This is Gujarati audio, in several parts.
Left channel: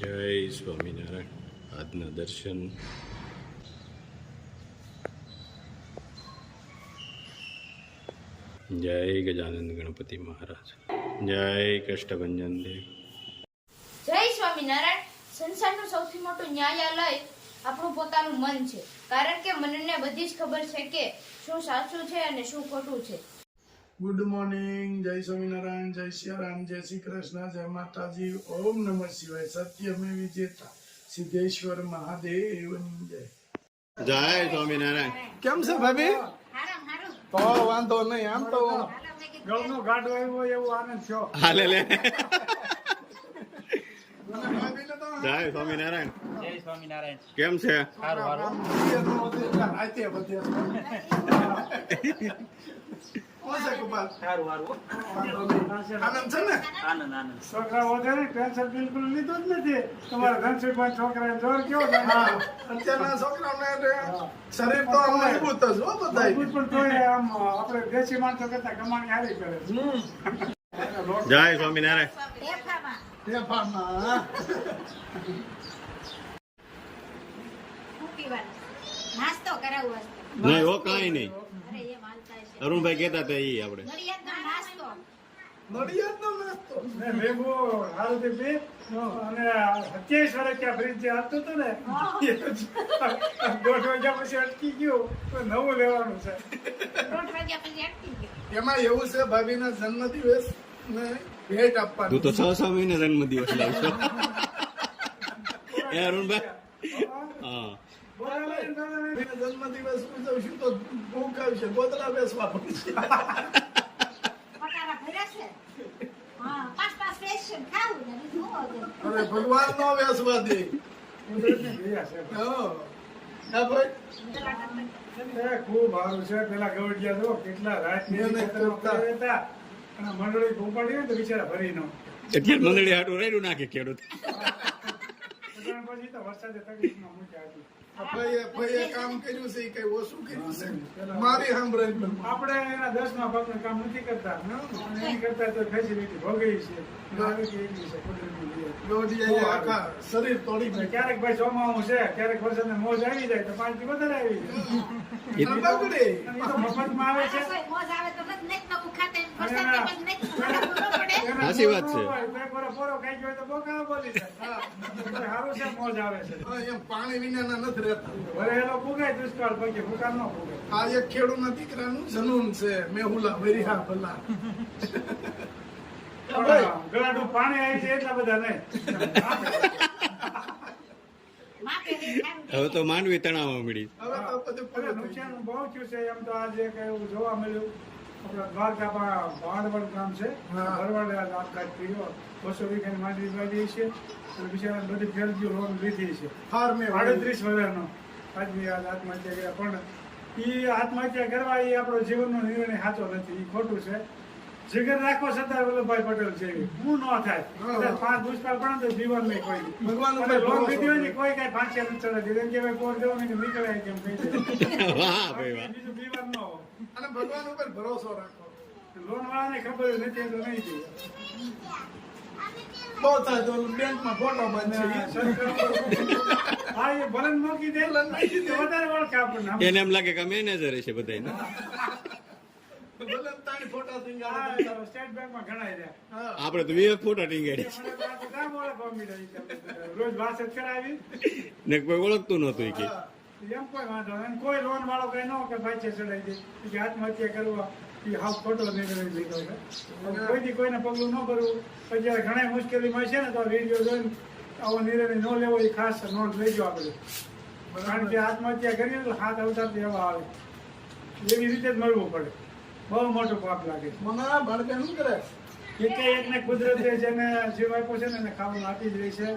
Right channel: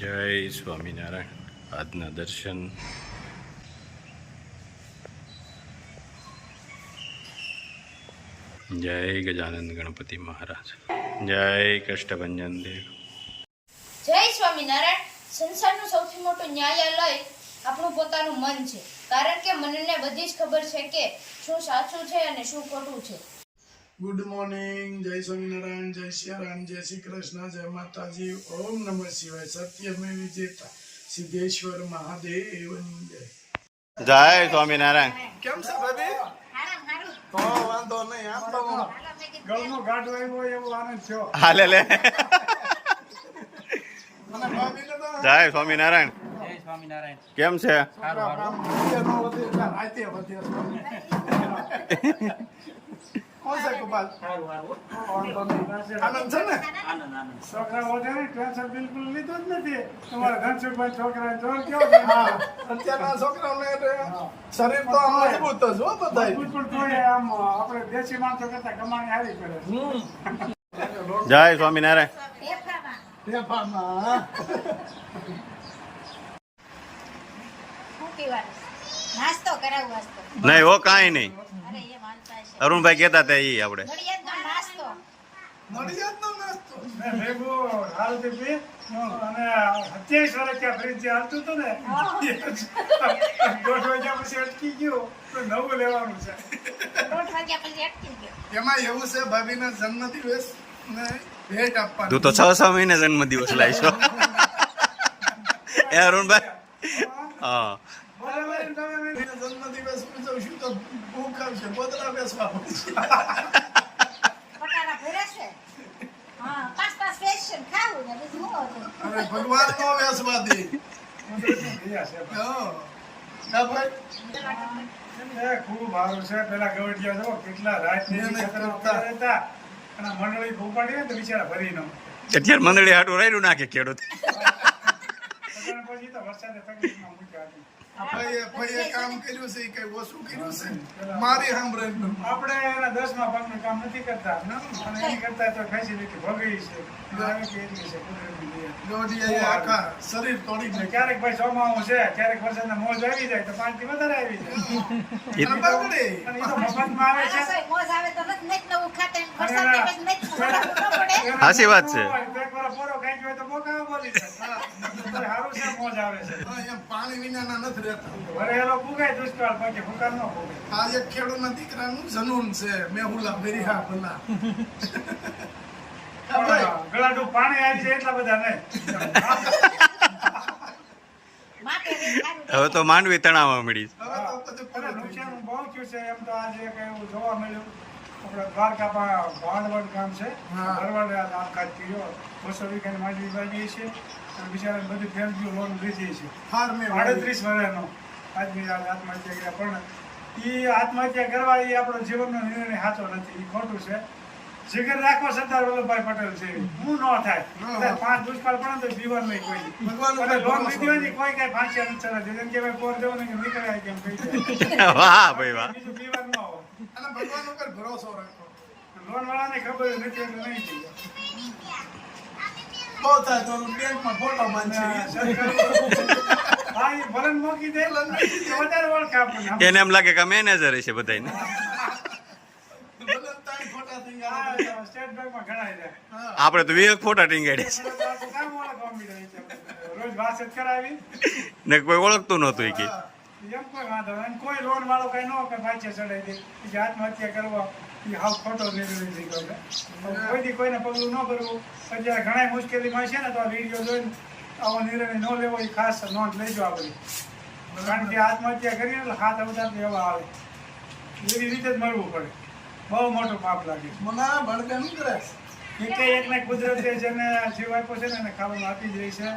જય સ્વામિનારાયણ. આજના દર્શન જય ગજાનંદ ગણપતિ મહારાજ. જય કષ્ટભંજન દેવ. જય સ્વામિનારાયણ. સંસારનું સૌથી મોટું ન્યાયાલય આપણું પોતાનું મન છે, કારણ કે મનને બધી જ ખબર છે કે શું સાચું છે અને શું ખોટું છે. Good morning. જય સ્વામિનારાયણ, જય શ્રી રામ, જય શ્રી કૃષ્ણ, જય માતાજી. ઓમ નમઃ શિવાય. સત્યમે વિજેતા સિદ્ધેશ્વર મહાદેવની જય. જય સ્વામિનારાયણ. કેમ છે ભાભી? વાંધો નહીં. આમ તો ગળનો ગાડો આવ્યો એવો આનંદ થયો. હાલે લે. અને ભાભીને તો જય સ્વામિનારાયણ. જય સ્વામિનારાયણ. કેમ છે? સારું સારું. રાતે વધે કોણ છે ગોપાલ? સારું સારું. આનંદ છે ને? આનંદ આનંદ. છોકરા વધારે ટેન્શન બિલકુલ લીધું જ નથી. તમારા ધનસુખભાઈ છોકરા જોર કેવો થાય? અત્યારના છોકરાઓને શરીર તો આમ મજબૂત જ હો બધાય. મજબૂત પણ તોય આમ આપણે દેશી માણસો કરતા કમાણી હારી કરે છે. જય સ્વામિનારાયણ. ફેફામાં. નાસ્તો કરાવું વાસ્તો. નહીં હો, કાંઈ નહીં. અરે એ માનતા છે. અરુણભાઈ કહેતા હતા એ આપણે નડિયાદનો નાસ્તો. નડિયાદનો નાસ્તો. ને લેબુ હાલતી પી અને 27 વર્ષ ત્યાં ફ્રીજ હાલતું હતું ને 1:30 વાગ્યા પછી અટકી ગયું તો નવું લેવાનું છે. 1:30 વાગ્યા પછી અટકી ગયો. એમાં એવું છે ભાભીના જન્મદિવસ ને ભેટ આપવાની. તું તો 6 મહિને જન્મદિવસ લાવીશો. એ અરુણભાઈ. હા, ભાભીના જન્મદિવસ ઉજવશું તો ભૂખ આવશે, ગોદડા બેસવા પડશે. પટારા ભર્યા છે. હા, 5 સ્પેશિયલ ખાવું ને બીજું શું હતું? હવે ભગવાન નો બેસવા દે. કુદરતની દયા છે. હા. હા ભાઈ. એ ખૂબ સારું છે. પેલા ગવડિયા જો કેટલા રાતની મહેનત ખેતરમાં કરતા. પડ્યા હતા અને મંડળી ઉપાડી ને તો બિચારા ભરી ન અત્યારે મંદળી હાટું રાયડું નાખે ખેડૂત. પછી તો વરસાદે તકલીફમાં મૂક્યા હતી. ભાઈએ કામ કર્યું છે એ કઈ ઓછું કર્યું છે મારી સાંભળે. આપણે એના 10મા ભાગનું કામ નથી કરતા અને એની કરતા તો ફેસિલિટી ભોગવી છે. આવે કે એટલી છે કુદરતની દયા. લોડિયાએ આખા શરીર તોડી અને નાખ્યું. ક્યારેક ભાઈ ચોમાસું છે, ક્યારેક વરસાદના મોજ આવી જાય તો 5 થી વધારે આવી જાય. અને બગડે. અને એ તો મફતમાં આવે છે. રસોઈ મોજ આવે તો નથી નવું ખાતે વરસાદની પછી નથી ખવડાવવું ન પડે. સાચી વાત છે. એક વાર પોરો ખાઈ ગયો તો બોકાવે બોલી જાય. સારું છે, મોજ આવે છે. હા, એમ પાણી વિનાના નથી રહેતા. વરેલો ફૂગાય દુષ્કાળ પછી ફૂકા ન ફૂગે. આ એક ખેડૂતના દીકરાનું જનૂન છે. મેહુલા ભર્યા ભલા. હા ભાઈ. પણ ગળાડું પાણી આવી છે એટલા બધા નહીં. માપે બી સારું. હવે તો માંડવી તણાવવા મળી. હવે તો બધું અરે નુકસાન બહુ થયું છે. એમ તો આજે કઈ એવું જોવા મળ્યું. આપણા દ્વારકામાં ભાંડવડ ગામ છે. હા. ભરવાડે આપઘાત કર્યો. 200 વીઘાની માંડવી વાવી છે અને બિચારાને બધી ફેરજી લોન લીધી છે. હાર મેં 38 વર્ષનો આદમી આજ આત્મહત્યા કર્યા. પણ એ આત્મહત્યા કરવા એ આપણો જીવનનો નિર્ણય સાચો નથી. એ ખોટું છે. જીગર રાખો સરદાર વલ્લભભાઈ પટેલ છે. હું ન થાય. કદાચ 5 દુષ્કાળ પડે તો બીવર નહીં કોઈ. ભગવાન ઉપર અને લોન ભરોસો લીધી હોય ને કોઈ કઈ ફાંસી નથી ચડાવતી. એમ કે ભાઈ પોર દેવો ને કે નીકળાય કેમ કહી દે. વાહ ભાઈ વાહ. બીજું બીવર ન હોય. અને ભગવાન ઉપર ભરોસો રાખો. લોન વાળાને ખબર નથી એટલે નહીં દે. બહુ થાય તો બેંકમાં ફોટો અને બાંધશે. હા, એ ભલે ને મૂકી દે તો વધારે ઓળખે આપણને. એને એમ લાગે કે મેનેજર હશે બધાને. ભલે તાઈ ફોટા થઈ ગયા. હા, સ્ટેટ બેંકમાં ગણાય જાય. હા. આપણે તો 20 ફોટા ટીંગાડે છે કામ ઓળખવા માંડ્યા છે આપણે. રોજ વાત જ કરાવી ને કોઈ ઓળખતું નહોતું એ કે. એમ કોઈ વાંધો નહીં. અને કોઈ લોન વાળો કઈ ન કે પાછે ચડાવી દે કે આત્મહત્યા કરવા એ હાવ ખોટો નિર્ણય લીધો છે. કોઈ દી કોઈને પગલું ન ભરવું. અત્યારે ઘણા મુશ્કેલીમાં છે ને તો આ વિડીયો જોઈને આવો નિર્ણય ન લેવો એ ખાસ નોંધ લેજો આપણે. કારણ કે આત્મહત્યા કરીએ એટલે હાથ અવતાર એવા આવે એવી રીતે જ મળવું પડે. બહુ મોટું પાપ લાગે છે. મને આ ભણતર નહીં કરે. એકને કુદરતે જેને જીવ આપ્યો છે ને એને ખાવાનું આપી જ રહી છે.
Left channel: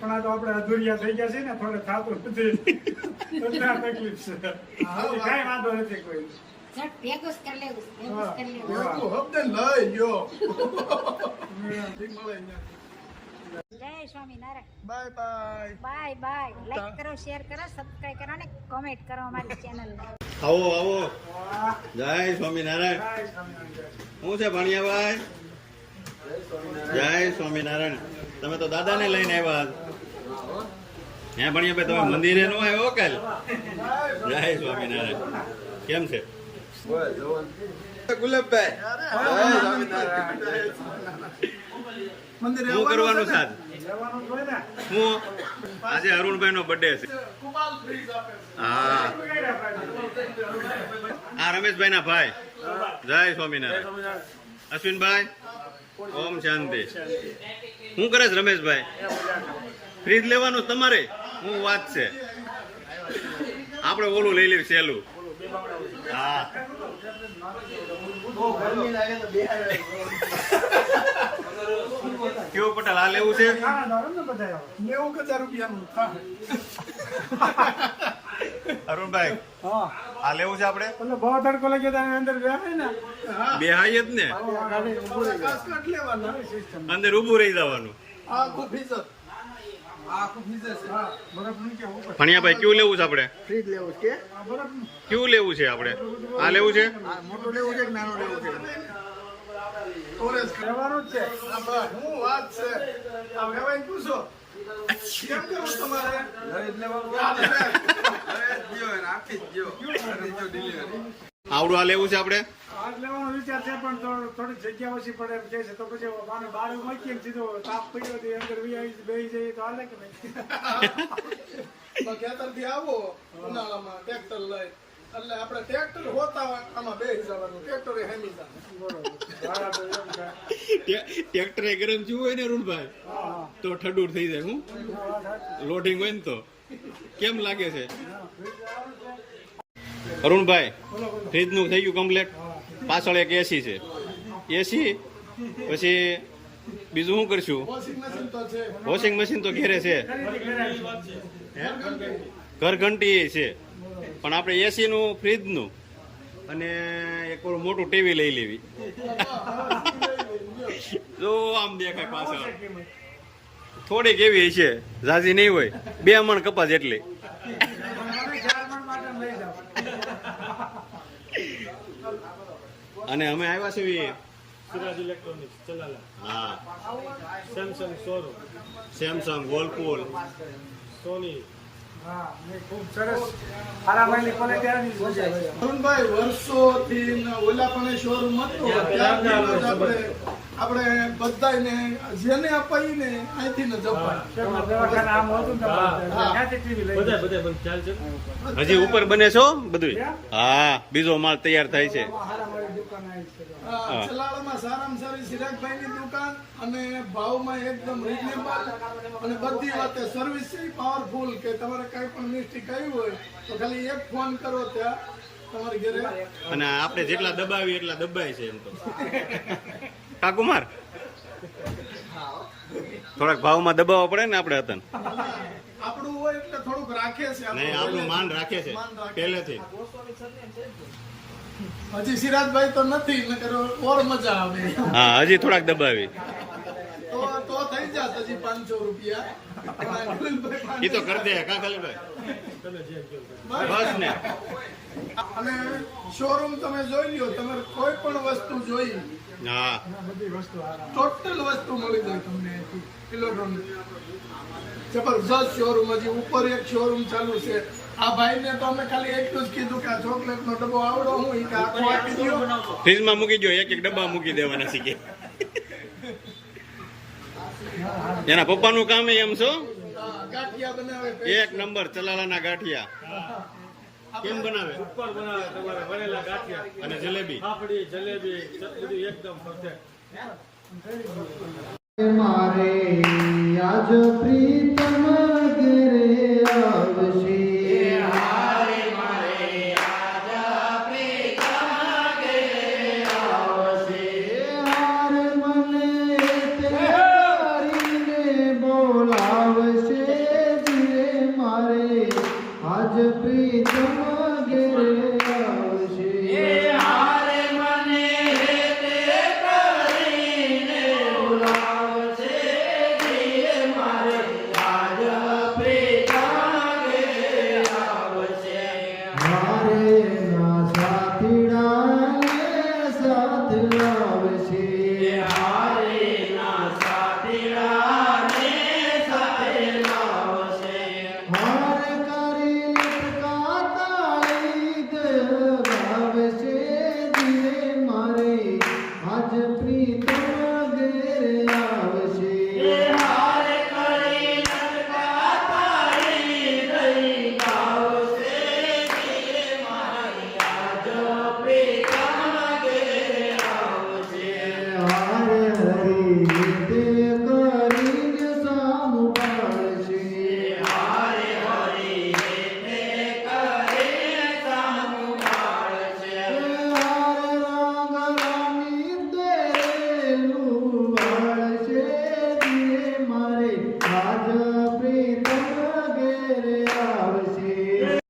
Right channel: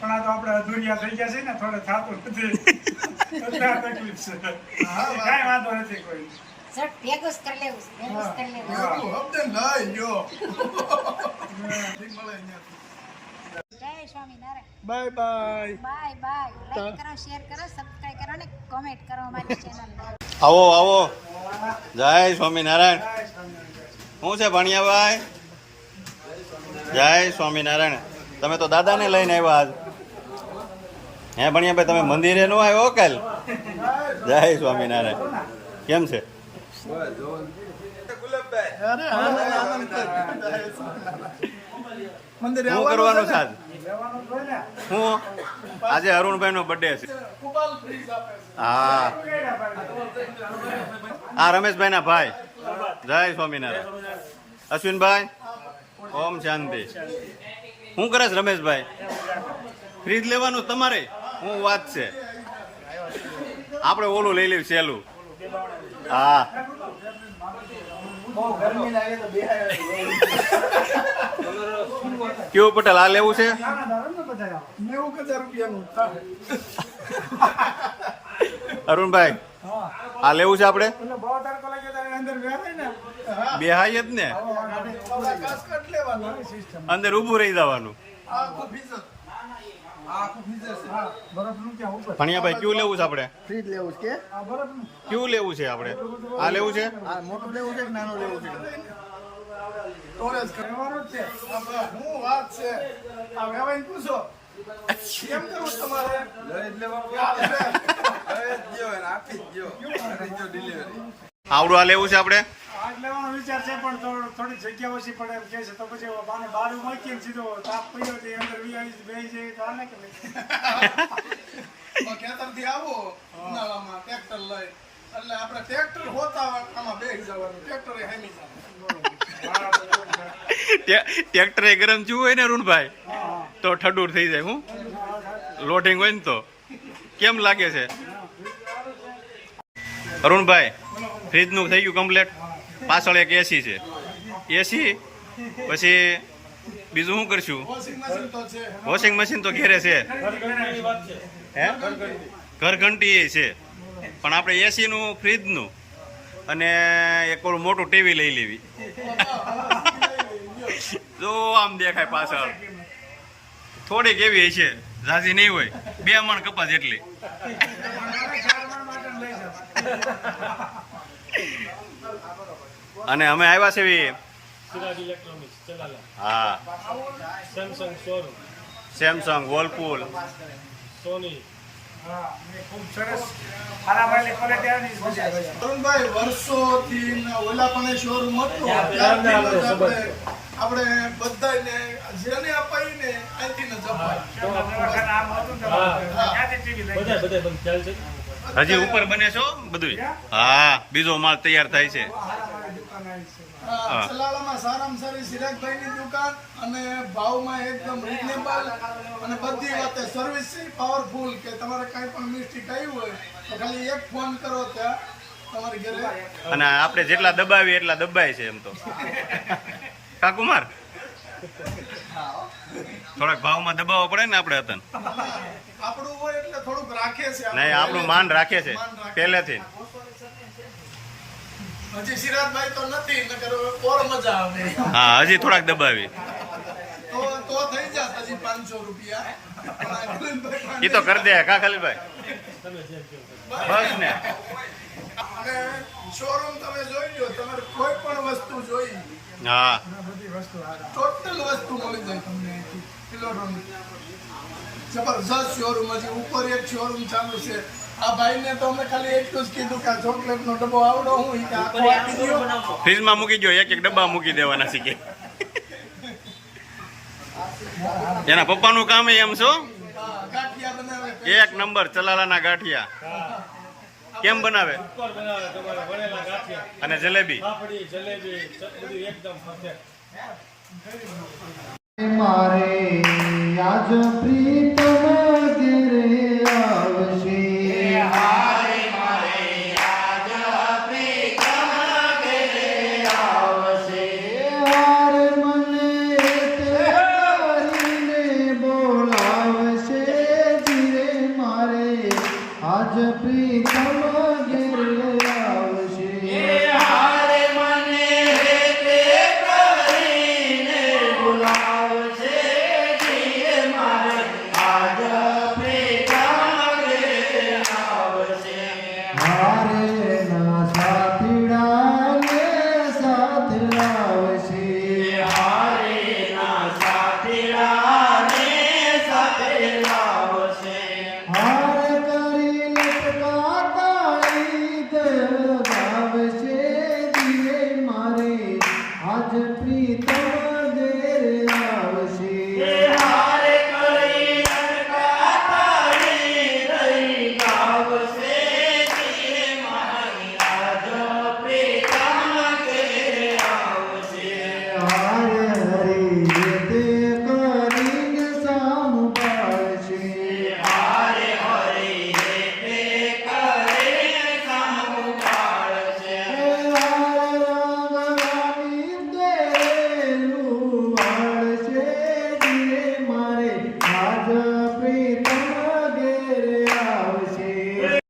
પણ આ તો આપણે અધૂરિયા થઈ ગયા છે ને થોડે થતું નથી. એટલે આ તકલીફ છે. કાંઈ વાંધો નથી કોઈ. ઝટ ભેગું જ કરી લેવું છે, ભેગું જ કરી લેવું છે. એટલું હપ્તે લઈ ગયો. ઠીક મળે અહીંયા. જય Swaminarayan. Bye bye. Bye bye. Like કરો, શેર કરો, સબસ્ક્રાઇબ કરો અને કોમેન્ટ કરો અમારી ચેનલને. આવો આવો. વાહ, જય સ્વામિનારાયણ. જય સ્વામિનારાયણ. શું છે ભણિયાભાઈ? જય સ્વામિનારાયણ. તમે તો દાદાને લઈને આવ્યા આજ. હે ભણિયાભાઈ તમે મંદિરે નો આવ્યો કાલ? જય સ્વામિનારાયણ. કેમ છે? મંદિરે શું કરવાનું છે આજ? જવાનું જ હોય ને. હું આજે અરુણભાઈ નો બર્થડે છે. કુપાલ ફ્રીજ આપે. હા આ રમેશભાઈ ના ભાઈ. જય સ્વામિનારાયણ. અશ્વિનભાઈ ઓમ શાંતિ. શું કરે છે રમેશભાઈ? ફ્રીજ લેવાનું તમારે? શું વાત છે? આપણે ઓલું લઈ લેવું સહેલું. હા કેવું પટેલ આ લેવું છે? આનંદ આવે ને બધા. 90,000 રૂપિયાનું. અરુણભાઈ હા આ લેવું છે આપણે? એટલે બહુ તડકો લાગે તો અંદર બેહાય ને. બે હાઈ જ ને, આપણા કાસ્કટ લેવાનું. અંદર ઊભું રહી જવાનું. આખું ફીઝર. આખું ફીઝર છે. હા બરફનું ક્યાં ઉપર. ભણિયાભાઈ કેવું લેવું છે આપણે? ફ્રીજ લેવું છે આ બરફનું. કેવું લેવું છે આપણે? આ લેવું છે? આ મોટું લેવું છે કે નાનું લેવું છે? સ્ટોરેજ રહેવાનું જ છે. આપણા શું વાત છે? આ વેવાઈને પૂછો. કેમ કરવું તમારે? આવડું આ લેવું છે આપણે? આગ લેવાનો વિચાર છે પણ થોડી જગ્યા ઓછી પડે એમ કહે છે તો પછી બાને બારું મૂકીને સીધો તાપ પડ્યો તો અંદર બેસી જઈએ તો હાલે કે ભાઈ. ખેતરથી આવો ઉનાળામાં ટ્રેક્ટર લઈ એટલે આપણે ટ્રેક્ટર હોતા આમાં બેસી જવાનું. ટ્રેક્ટર એ હેમી જાય. ટ્રેક્ટરે ગરમ થયું હોય ને અરુણભાઈ તો ઠંડુ થઈ જાય. હું લોડિંગ હોય ને તો કેમ લાગે છે અરુણભાઈ? ફ્રીજ નું થઈ ગયું કમ્પ્લેટ. પાછળ એક એસી છે. એસી પછી બીજું શું કરશું? વોશિંગ મશીન તો છે. વોશિંગ મશીન તો ઘેરે છે. હે ઘર ઘંટી છે પણ આપણે એસી નું ફ્રીજ નું અને એક ઓલું મોટું ટીવી લઈ લેવી. જો આમ દેખાય પાછળ થોડીક એવી છે, ઝાઝી નહીં હોય. 2 મણ કપાસ એટલી. અને અમે આવ્યા છે સિરાજ ઇલેક્ટ્રોનિક્સ ચલાલા, હા સેમસંગ શોરૂમ, સેમસંગ, વર્લપુલ. સોની. હા ને ખૂબ સરસ હારાવાળી ક્વોલિટી આવી છે. અરુણભાઈ વર્ષોથી ઓલા પણ શોરૂમ હતું ત્યારથી જ આપણે બધાને જેને અપાઈને અહીંથી જ અપાય. દવાખાના આમ હતું ને ત્યાંથી ટીવી લઈ બધા બંધ ચાલ છે. હજી ઉપર બને છો બધું? હા બીજો માલ તૈયાર થાય છે. હારાવાળી દુકાન આવી છે. ચલાળામાં સારામાં સારી સિરાજભાઈની દુકાન અને ભાવમાં એકદમ રીઝનેબલ અને બધી વાતે સર્વિસ છે પાવરફુલ કે તમારે કાંઈ પણ મિસ્ટેક આવી હોય તો ખાલી એક ફોન કરો ત્યાં તમારી ઘરે. અને આપણે જેટલા દબાવીએ એટલા દબાય છે એમ તો. કા કુમાર થોડાક ભાવમાં દબાવવા પડે ને આપણે હતા. આપણું હોય એટલે થોડુંક રાખે છે. નહીં આપણું માન રાખે છે પહેલેથી. હજી સિરાજભાઈ તો નથી નકર ઓર મજા આવે. હા હજી થોડાક દબાવી તો થઈ જાત હજી 500 રૂપિયા. એ તો કરી દે કા ખલીલભાઈ બસ ને. અને શોરૂમ તમે જોઈ લ્યો, તમે કોઈ પણ વસ્તુ જોઈ હા ટોટલ વસ્તુ મળી જાય તમને અહીંથી ઇલેક્ટ્રોનિક. જબરજસ્ત શોરૂમ. હજી ઉપર એક શોરૂમ ચાલુ છે. આ ભાઈને તો અમે ખાલી એટલું જ કીધું કે આ ચોકલેટનો ડબ્બો આવડો હું કે આખો આપી દો. ફ્રીજમાં મૂકી દો, એક એક ડબ્બા મૂકી દેવાના શીખે. એના પપ્પાનું કામ એમ છો. ગાંઠિયા બનાવે. 1 નંબર ચલાલાના ગાંઠિયા. કેમ બનાવે? ઉપર બનાવે તમારે વણેલા ગાંઠિયા, અને જલેબી. પાપડી, જલેબી, બધું એકદમ પરફેક્ટ. મારે આજ પ્રીતમ ઘેરે આવશે.